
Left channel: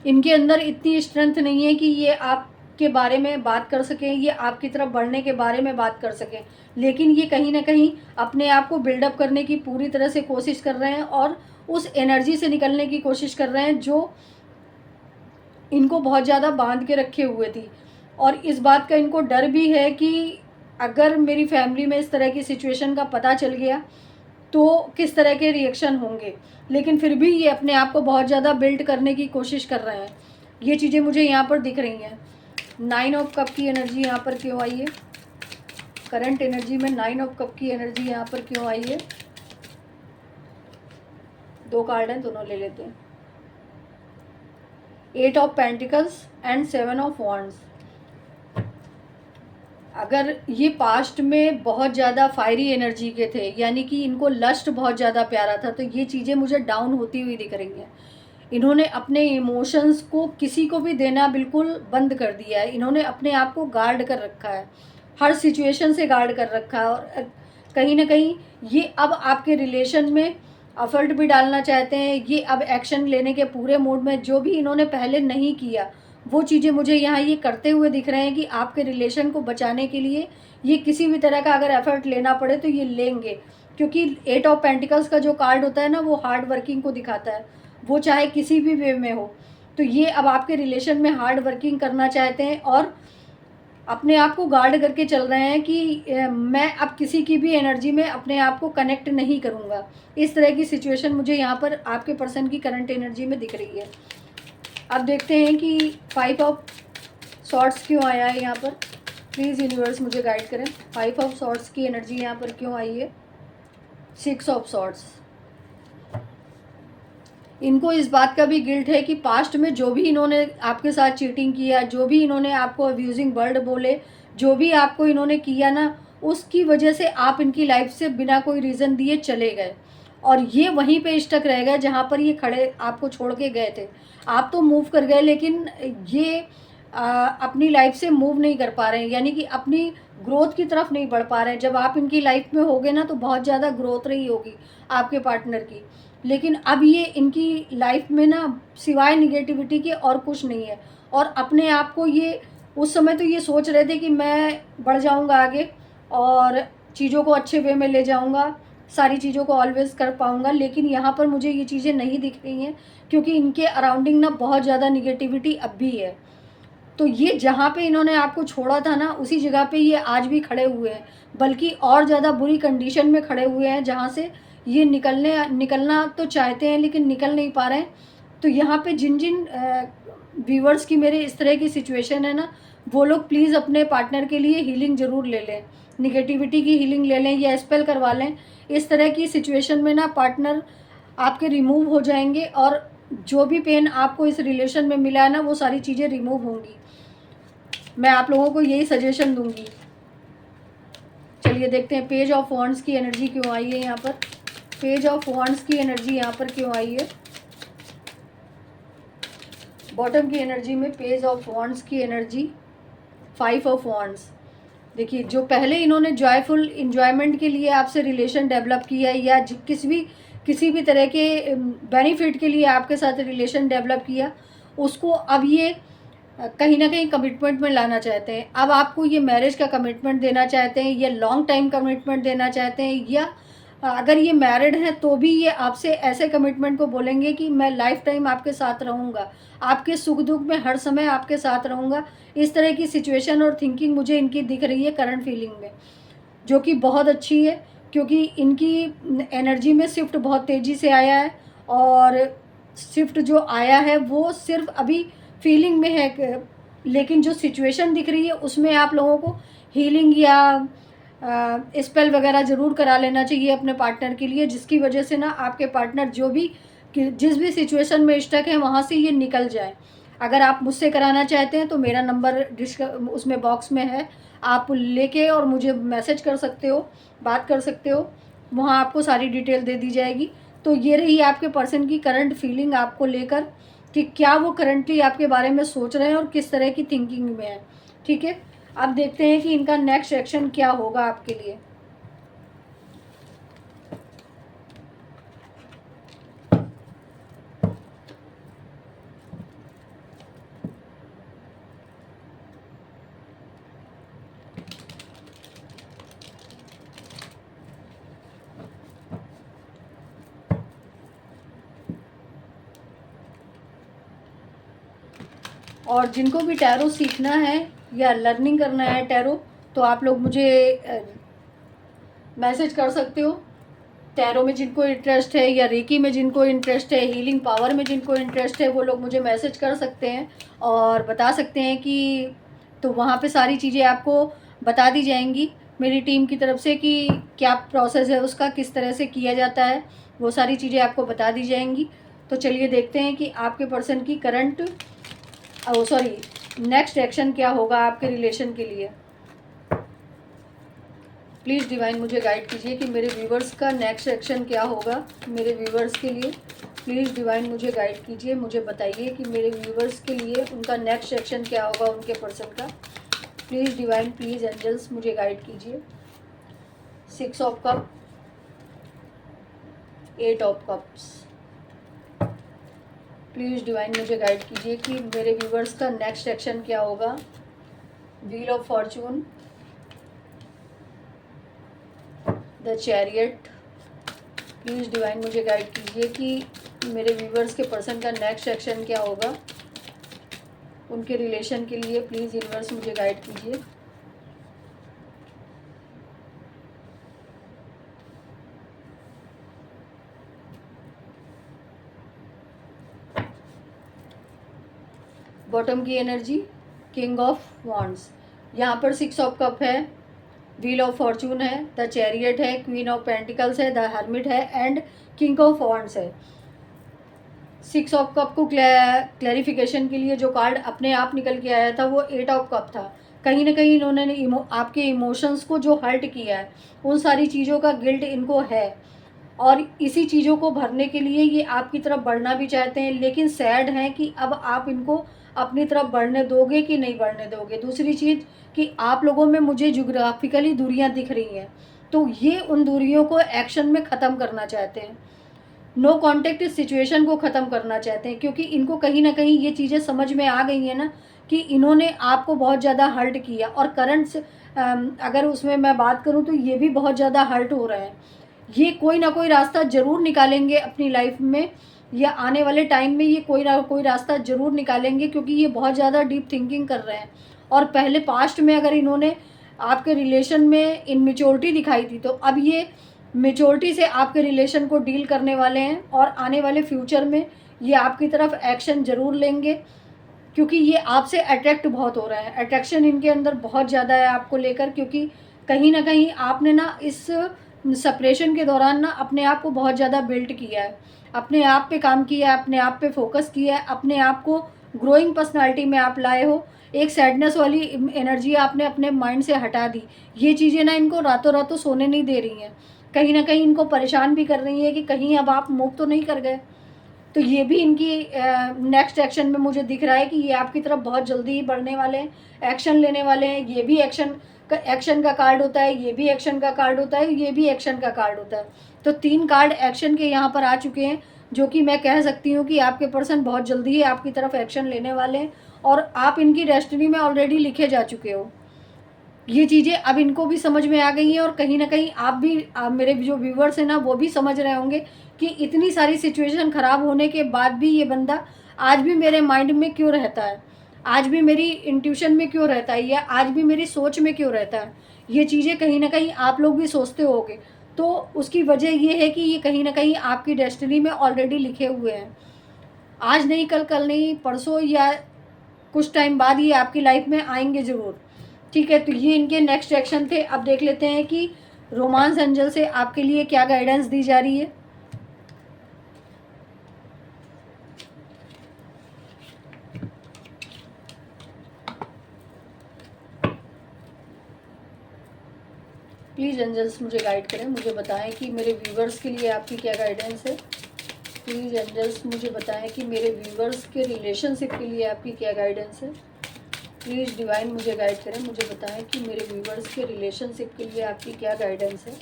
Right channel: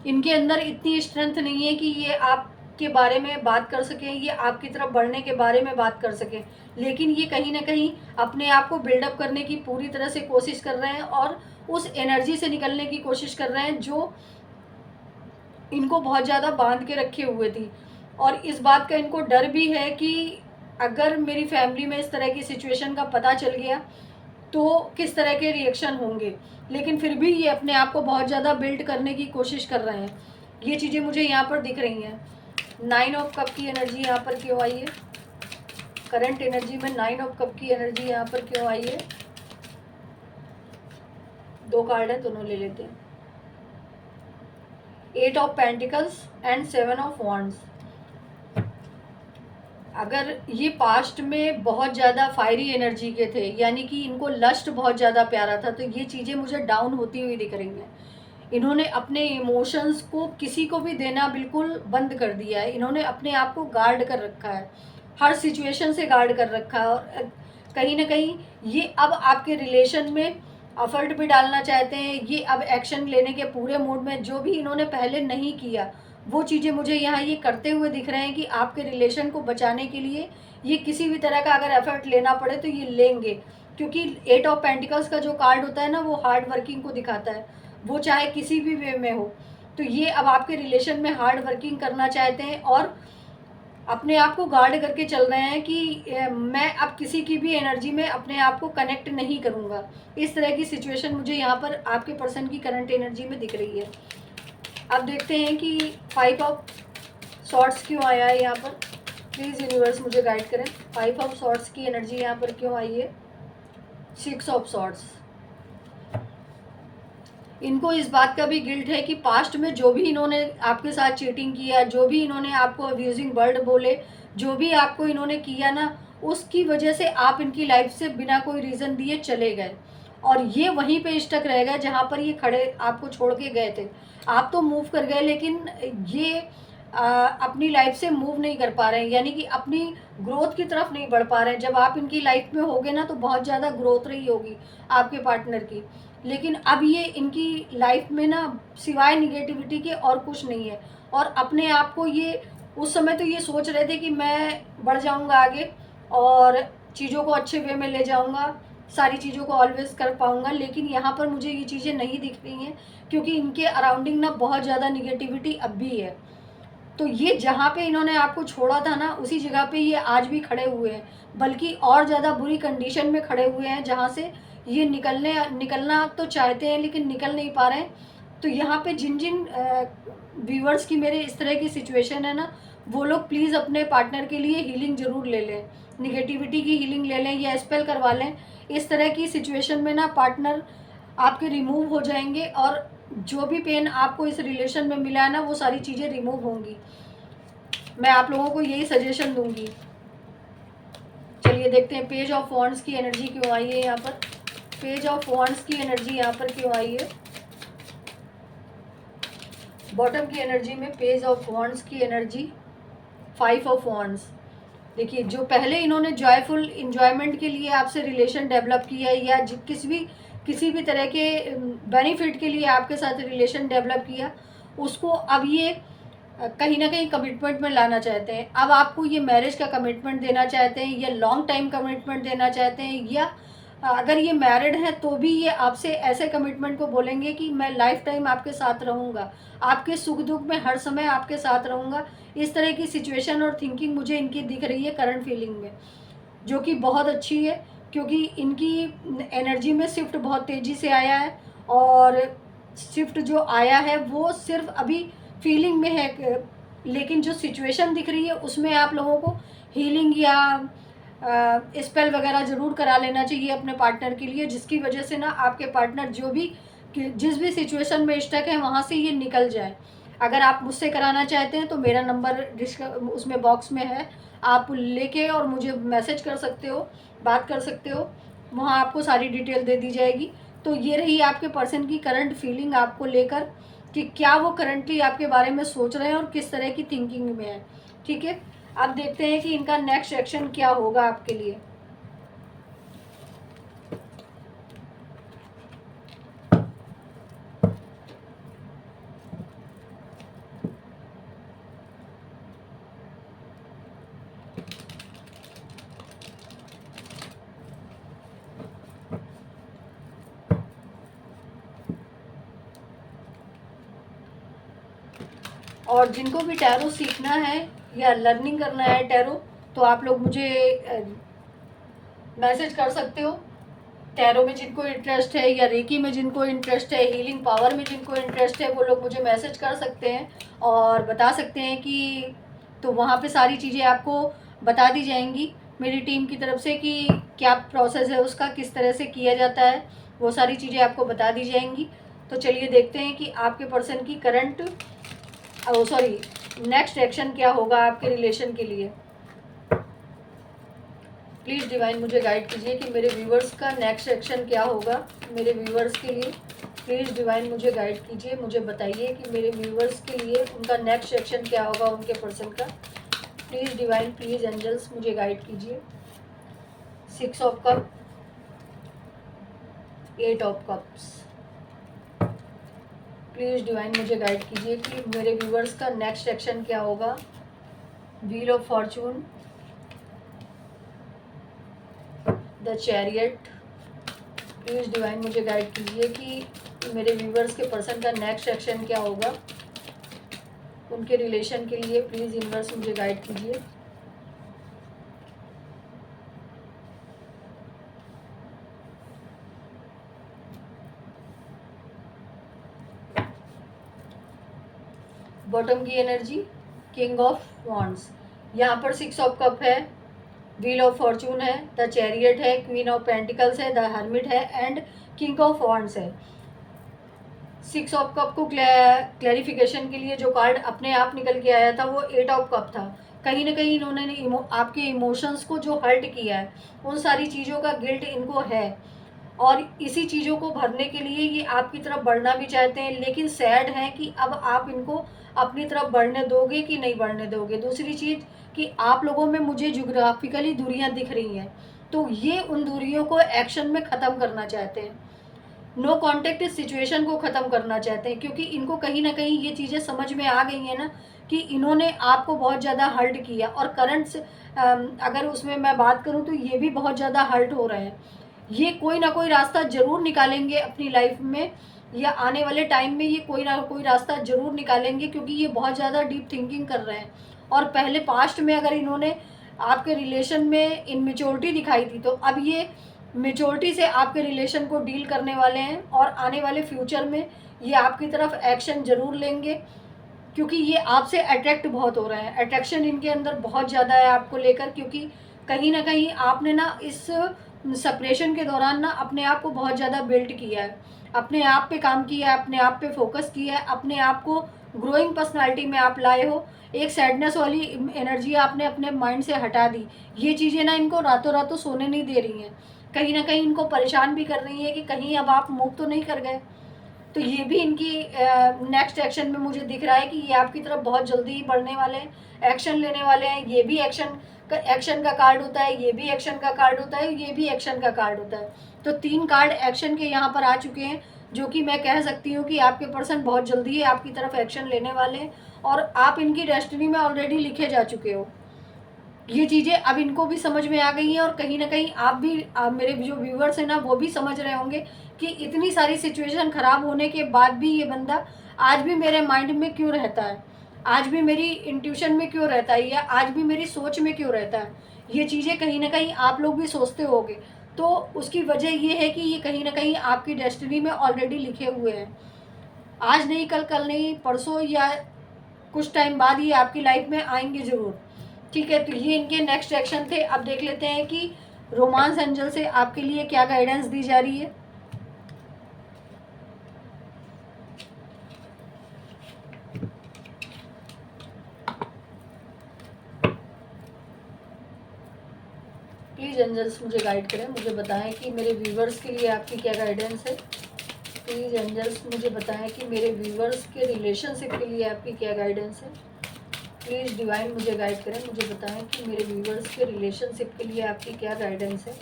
इनके अंदर इतनी स्ट्रेंथ नहीं है कि ये आपके बारे में बात कर सकें, ये आपकी तरफ बढ़ने के बारे में बात कर सकें, लेकिन ये कहीं ना कहीं अपने आप को बिल्डअप करने की पूरी तरह से कोशिश कर रहे हैं और उस एनर्जी से निकलने की कोशिश कर रहे हैं जो इनको बहुत ज़्यादा बांध के रखे हुए थी। और इस बात का इनको डर भी है कि अगर मेरी फैमिली में इस तरह की सिचुएशन का पता चल गया तो किस तरह के रिएक्शन होंगे, लेकिन फिर भी ये अपने आप को बहुत ज़्यादा बिल्ड करने की कोशिश कर रहे हैं। ये चीज़ें मुझे यहाँ पर दिख रही हैं। 9 ऑफ कप की एनर्जी यहाँ पर क्यों आई है? करंट एनर्जी में 9 ऑफ कप की एनर्जी यहाँ पर क्यों आई है? 2 कार्ड हैं, दोनों ले लेते हैं। 8 of pentacles and 7 of wands. अगर ये पास्ट में बहुत ज़्यादा फायरी एनर्जी के थे, यानी कि इनको लस्ट बहुत ज़्यादा प्यारा था, तो ये चीज़ें मुझे डाउन होती हुई दिख रही हैं। इन्होंने अपने इमोशंस को किसी को भी देना बिल्कुल बंद कर दिया है। इन्होंने अपने आप को गार्ड कर रखा है, हर सिचुएशन से गार्ड कर रखा है। और कहीं ना कहीं ये अब आपके रिलेशन में एफर्ट भी डालना चाहते हैं। ये अब एक्शन लेने के पूरे मूड में, जो भी इन्होंने पहले नहीं किया वो चीज़ें मुझे यहाँ ये करते हुए दिख रहे हैं कि आपके रिलेशन को बचाने के लिए ये किसी भी तरह का अगर एफर्ट लेना पड़े तो ये लेंगे, क्योंकि 8 ऑफ पेंटिकल्स का जो कार्ड होता है ना, वो हार्ड वर्किंग को दिखाता है, वो चाहे किसी भी वे में हो। तो ये अब आपके रिलेशन में हार्ड वर्किंग करना चाहते हैं और अपने आप को गार्ड करके चल रहे हैं कि मैं अब किसी की भी एनर्जी में अपने आप को कनेक्ट नहीं करूँगा। इस तरह की सिचुएशन मुझे यहाँ पर आपके पर्सन की करंट एनर्जी में दिख रही है। अब देखते हैं कि 5 ऑफ सॉर्ड्स क्यों आया है यहाँ पर। प्लीज़ यूनिवर्स मुझे गाइड करें, 5 ऑफ सॉर्ड्स की एनर्जी यहाँ पर क्यों आई है। 6 ऑफ सॉर्ड्स। इनको इस बात का भी गिल्ट है कि पास्ट में जो भी इन्होंने आपके साथ चीटिंग किया, जो भी इन्होंने आपको अब्यूजिंग वर्ड बोले, जो भी आपको इन्होंने किया ना, उसकी वजह से आप इनकी लाइफ से बिना कोई रीज़न दिए चले गए और ये वहीं पे स्टक रह गए जहाँ पर ये खड़े आपको छोड़ के गए थे। आप तो मूव कर गए, लेकिन ये अपनी लाइफ से मूव नहीं कर पा रहे हैं, यानी कि अपनी ग्रोथ की तरफ नहीं बढ़ पा रहे हैं। जब आप इनकी लाइफ में होगे ना तो बहुत ज़्यादा ग्रोथ रही होगी आपके पार्टनर की, लेकिन अब ये इनकी लाइफ में ना सिवाय निगेटिविटी के और कुछ नहीं है। और अपने आप को ये उस समय तो ये सोच रहे थे कि मैं बढ़ जाऊंगा आगे और चीज़ों को अच्छे वे में ले जाऊंगा, सारी चीज़ों को ऑलवेज कर पाऊंगा, लेकिन यहाँ पर मुझे ये चीज़ें नहीं दिख रही हैं क्योंकि इनके अराउंडिंग ना बहुत ज़्यादा निगेटिविटी अब भी है। तो ये जहाँ पे इन्होंने आपको छोड़ा था ना, उसी जगह पे ये आज भी खड़े हुए हैं, बल्कि और ज़्यादा बुरी कंडीशन में खड़े हुए हैं जहाँ से ये निकलना तो चाहते हैं लेकिन निकल नहीं पा रहे हैं। तो यहाँ पे जिन जिन व्यूवर्स की मेरे इस तरह की सिचुएशन है ना, वो लोग प्लीज़ अपने पार्टनर के लिए हीलिंग ज़रूर ले लें, निगेटिविटी की हीलिंग ले लें या स्पेल करवा लें। इस तरह की सिचुएशन में ना पार्टनर आपके रिमूव हो जाएंगे और जो भी पेन आपको इस रिलेशन में मिला है ना, वो सारी चीज़ें रिमूव होंगी। मैं आप लोगों को यही सजेशन दूंगी। चलिए देखते हैं पेज ऑफ वॉन्ड्स की एनर्जी क्यों आई है यहाँ पर। पेज ऑफ वॉन्ड्स की एनर्जी यहाँ पर क्यों आई है। बॉटम की एनर्जी में पेज ऑफ वॉन्ड्स की एनर्जी, 5 ऑफ वॉन्ड्स। देखिए, जो पहले इन्होंने जॉयफुल इंजॉयमेंट के लिए आपसे रिलेशन डेवलप किया है, या किसी भी तरह के बेनिफिट के लिए आपके साथ रिलेशन डेवलप किया, उसको अब ये कहीं ना कहीं कमिटमेंट में लाना चाहते हैं। अब आपको ये मैरिज का कमिटमेंट देना चाहते हैं, या लॉन्ग टाइम कमिटमेंट देना चाहते हैं, या अगर ये मैरिड हैं तो भी ये आपसे ऐसे कमिटमेंट को बोलेंगे कि मैं लाइफ टाइम आपके साथ रहूँगा, आपके सुख दुख में हर समय आपके साथ रहूँगा। इस तरह की सिचुएशन और थिंकिंग मुझे इनकी दिख रही है करंट फीलिंग में, जो कि बहुत अच्छी है, क्योंकि इनकी एनर्जी में शिफ्ट बहुत तेज़ी से आया है। और शिफ्ट जो आया है वो सिर्फ अभी फीलिंग में है, लेकिन जो सिचुएशन दिख रही है उसमें आप लोगों को हीलिंग या स्पेल वगैरह ज़रूर करा लेना चाहिए अपने पार्टनर के लिए, जिसकी वजह से ना आपके पार्टनर जिस भी सिचुएशन में स्टक है वहाँ से ये निकल जाए। अगर आप मुझसे कराना चाहते हैं तो मेरा नंबर उसमें बॉक्स में है, आप लेके और मुझे मैसेज कर सकते हो, बात कर सकते हो, वहाँ आपको सारी डिटेल दे दी जाएगी। तो ये रही आपके पर्सन की करंट फीलिंग आपको लेकर, कि क्या वो करंटली आपके बारे में सोच रहे हैं और किस तरह की थिंकिंग में है। ठीक है, अब देखते हैं कि इनका नेक्स्ट एक्शन क्या होगा आपके लिए। और जिनको भी टैरो सीखना है या लर्निंग करना है टैरो, तो आप लोग मुझे मैसेज कर सकते हो। टैरो में जिनको इंटरेस्ट है, या रेकी में जिनको इंटरेस्ट है, हीलिंग पावर में जिनको इंटरेस्ट है, वो लोग मुझे मैसेज कर सकते हैं और बता सकते हैं कि, तो वहाँ पे सारी चीज़ें आपको बता दी जाएंगी मेरी टीम की तरफ से कि क्या प्रोसेस है उसका, किस तरह से किया जाता है, वो सारी चीज़ें आपको बता दी जाएंगी। तो चलिए देखते हैं कि आपके पर्सन की करंट नेक्स्ट एक्शन क्या होगा आपके रिलेशन के लिए। प्लीज़ डिवाइन मुझे गाइड कीजिए कि मेरे व्यूवर्स का नेक्स्ट एक्शन क्या होगा मेरे व्यूवर्स के लिए। प्लीज़ डिवाइन मुझे गाइड कीजिए, मुझे बताइए कि मेरे व्यूवर्स के लिए उनका नेक्स्ट एक्शन क्या होगा उनके पर्सन का। प्लीज़ डिवाइन, प्लीज़ एंजल्स मुझे गाइड कीजिए। 6 of cup, 8 of cups. Please divine मुझे गाइड कीजिए कि मेरे व्यूवर्स का नेक्स्ट एक्शन क्या होगा। Wheel of Fortune, the chariot. Please divine मुझे गाइड कीजिए कि मेरे व्यूवर्स के पर्सन का नेक्स्ट एक्शन क्या होगा उनके रिलेशन के लिए। प्लीज़ यूनिवर्स मुझे गाइड कीजिए। बॉटम की एनर्जी, किंग ऑफ वॉन्ड्स। यहाँ पर 6 ऑफ कप है, व्हील ऑफ फॉर्चून है, द चैरियट है, क्वीन ऑफ पेंटिकल्स है, द हर्मिट है एंड किंग ऑफ वॉन्ड्स है। 6 ऑफ कप को क्लैरिफिकेशन के लिए जो कार्ड अपने आप निकल के आया था वो 8 ऑफ कप था। कहीं ना कहीं इन्होंने आपके इमोशंस को जो हर्ट किया है, उन सारी चीज़ों का गिल्ट इनको है, और इसी चीज़ों को भरने के लिए ये आपकी तरफ बढ़ना भी चाहते हैं, लेकिन सैड है कि अब आप इनको अपनी तरफ बढ़ने दोगे कि नहीं बढ़ने दोगे। दूसरी चीज़ कि आप लोगों में मुझे ज्योग्राफिकली दूरियां दिख रही हैं, तो ये उन दूरियों को एक्शन में ख़त्म करना चाहते हैं, नो कॉन्टेक्ट सिचुएशन को ख़त्म करना चाहते हैं, क्योंकि इनको कहीं ना कहीं ये चीज़ें समझ में आ गई हैं ना कि इन्होंने आपको बहुत ज़्यादा हर्ट किया, और करंट अगर उसमें मैं बात करूँ तो ये भी बहुत ज़्यादा हर्ट हो रहे हैं। ये कोई ना कोई रास्ता ज़रूर निकालेंगे अपनी लाइफ में, या आने वाले टाइम में ये कोई ना कोई रास्ता ज़रूर निकालेंगे, क्योंकि ये बहुत ज़्यादा डीप थिंकिंग कर रहे हैं। और पहले पास्ट में अगर इन्होंने आपके रिलेशन में इनमेच्योरिटी दिखाई थी, तो अब ये मेच्योरिटी से आपके रिलेशन को डील करने वाले हैं, और आने वाले फ्यूचर में ये आपकी तरफ एक्शन ज़रूर लेंगे, क्योंकि ये आपसे अट्रैक्ट बहुत हो रहे हैं। अट्रैक्शन इनके अंदर बहुत ज़्यादा है आपको लेकर, क्योंकि कहीं ना कहीं आपने ना इस सेपरेशन के दौरान ना अपने आप को बहुत ज़्यादा बिल्ड किया है, अपने आप पे काम किया है, अपने आप पे फोकस किया है, अपने आप को ग्रोइंग पर्सनालिटी में आप लाए हो। एक सैडनेस वाली एनर्जी आपने अपने माइंड से हटा दी। ये चीज़ें ना इनको रातों रातों सोने नहीं दे रही हैं, कहीं ना कहीं इनको परेशान भी कर रही है कि कहीं अब आप मूव तो नहीं कर गए। तो ये भी इनकी नेक्स्ट एक्शन में मुझे दिख रहा है कि ये आपकी तरफ बहुत जल्दी ही बढ़ने वाले हैं, एक्शन लेने वाले हैं। ये भी एक्शन का कार्ड होता है, ये भी एक्शन का कार्ड होता है, ये भी एक्शन का कार्ड होता है। तो 3 कार्ड एक्शन के यहाँ पर आ चुके हैं, जो कि मैं कह सकती हूँ कि आपके पर्सन बहुत जल्दी ही आपकी तरफ एक्शन लेने वाले हैं और आप इनकी डेस्टिनी में ऑलरेडी लिखे जा चुके हो। ये चीज़ें अब इनको भी समझ में आ गई हैं और कहीं ना कहीं आप मेरे जो व्यूवर्स हैं ना वो भी समझ रहे होंगे कि इतनी सारी सिचुएशन ख़राब होने के बाद भी ये बंदा आज भी मेरे माइंड में क्यों रहता है, आज भी मेरी इंट्यूशन में क्यों रहता है, या आज भी मेरी सोच में क्यों रहता है। ये चीज़ें कहीं ना कहीं आप लोग भी सोचते होंगे। तो उसकी वजह ये है कि ये कहीं ना कहीं आपकी डेस्टिनी में ऑलरेडी लिखे हुए हैं। आज नहीं, कल नहीं, परसों या कुछ टाइम बाद ये आपकी लाइफ में आएंगे ज़रूर। ठीक है, तो ये इनके नेक्स्ट एक्शन थे। अब देख लेते हैं कि रोमांस एंजल से आपके लिए क्या गाइडेंस दी जा रही है। प्लीज़ एंजल्स मुझे गाइड करें, मुझे बताएं कि मेरे व्यूवर्स के लिए आपकी क्या गाइडेंस है। प्लीज़ एंजल्स मुझे बताएं कि मेरे व्यूवर्स के रिलेशनशिप के लिए आपकी क्या गाइडेंस है। प्लीज़ डिवाइन मुझे गाइड करें, मुझे बताएं कि मेरे व्यूवर्स के रिलेशनशिप के लिए आपकी क्या गाइडेंस है।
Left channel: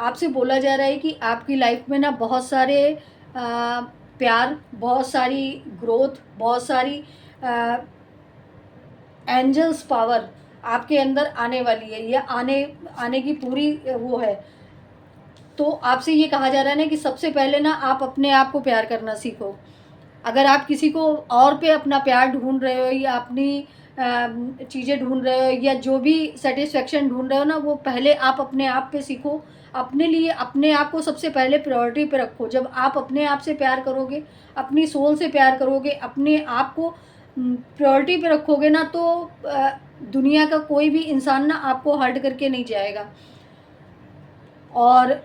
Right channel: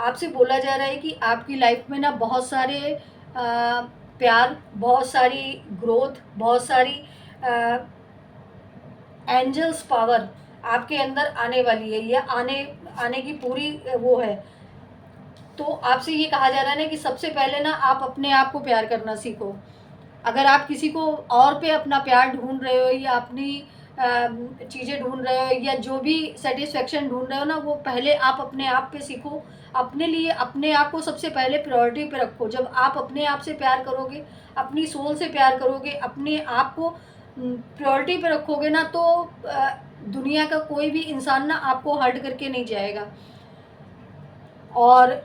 आपसे बोला जा रहा है कि आपकी लाइफ में ना बहुत सारे प्यार, बहुत सारी ग्रोथ, बहुत सारी एंजल्स पावर आपके अंदर आने वाली है, या आने आने की पूरी वो है। तो आपसे ये कहा जा रहा है ना कि सबसे पहले ना आप अपने आप को प्यार करना सीखो। अगर आप किसी को और पे अपना प्यार ढूंढ रहे हो या अपनी चीज़ें ढूंढ रहे हो या जो भी सेटिस्फेक्शन ढूंढ रहे हो ना, वो पहले आप अपने आप पे सीखो। अपने लिए अपने आप को सबसे पहले प्रायोरिटी पे रखो। जब आप अपने आप से प्यार करोगे, अपनी सोल से प्यार करोगे, अपने आप को प्रायोरिटी पे रखोगे ना, तो दुनिया का कोई भी इंसान ना आपको हर्ट करके नहीं जाएगा। और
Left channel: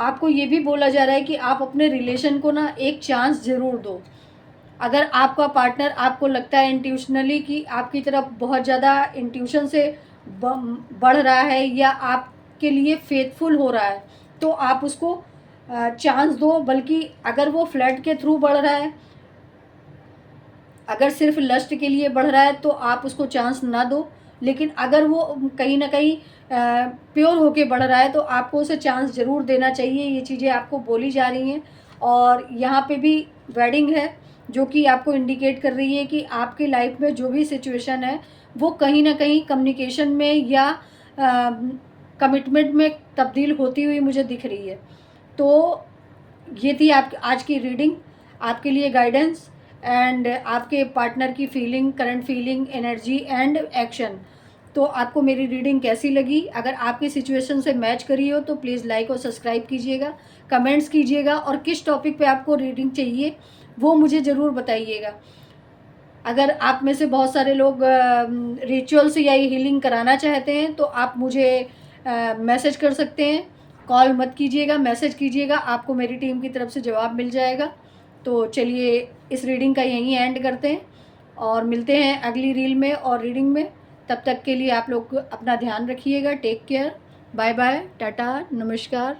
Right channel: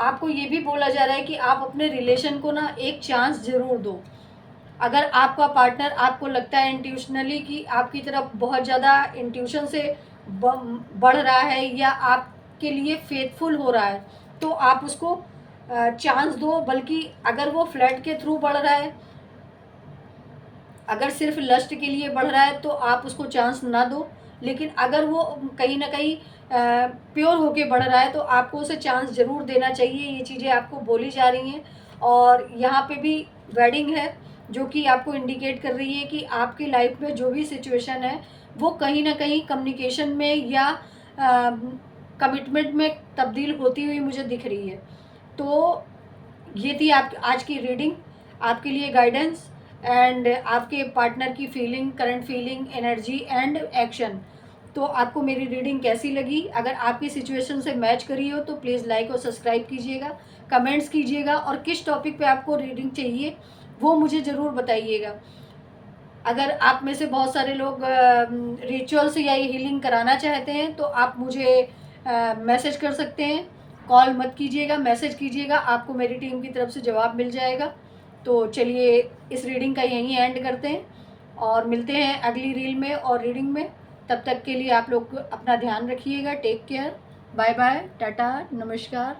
आपको ये भी बोला जा रहा है कि आप अपने रिलेशन को ना एक चांस ज़रूर दो। अगर आपका पार्टनर आपको लगता है इंट्यूशनली कि आपकी तरफ बहुत ज़्यादा इंट्यूशन से बढ़ रहा है या आपके लिए फेथफुल हो रहा है, तो आप उसको चांस दो। बल्कि अगर वो फ्लर्ट के थ्रू बढ़ रहा है, अगर सिर्फ लस्ट के लिए बढ़ रहा है, तो आप उसको चांस ना दो। लेकिन अगर वो कहीं ना कहीं प्योर होके बढ़ रहा है, तो आपको उसे चांस ज़रूर देना चाहिए। ये चीज़ें आपको बोली जा रही हैं। और यहाँ पे भी वेडिंग है, जो कि आपको इंडिकेट कर रही है कि आपकी लाइफ में जो भी सिचुएशन है वो कहीं ना कहीं कम्युनिकेशन में या कमिटमेंट में तब्दील होती हुई मुझे दिख रही है। तो ये थी आप आज की रीडिंग, आपके लिए गाइडेंस एंड आपके पार्टनर की feeling, current feeling, energy and action. तो आपको मेरी रीडिंग कैसी लगी? अगर आपकी सिचुएशन से मैच करी हो तो प्लीज़ लाइक और सब्सक्राइब कीजिएगा, कमेंट्स कीजिएगा, और किस टॉपिक पे आपको रीडिंग चाहिए वो मुझे ज़रूर बताइएगा। अगर आप में से बहुत सारे लोग रिचुअल्स या हीलिंग कराना चाहते हैं तो आप मुझे मैसेज कर सकते हैं। कॉल मत कीजिएगा, मैसेज कीजिएगा, आपको मेरी टीम की तरफ से जवाब मिल जाएगा। तो चलिए इस रीडिंग का यहीं एंड करते हैं और मिलते हैं अगली रील में और रीडिंग में। तब तक के लिए आप लोग अपना ध्यान रखिएगा। Take care, bye bye, tata, नमस्कार।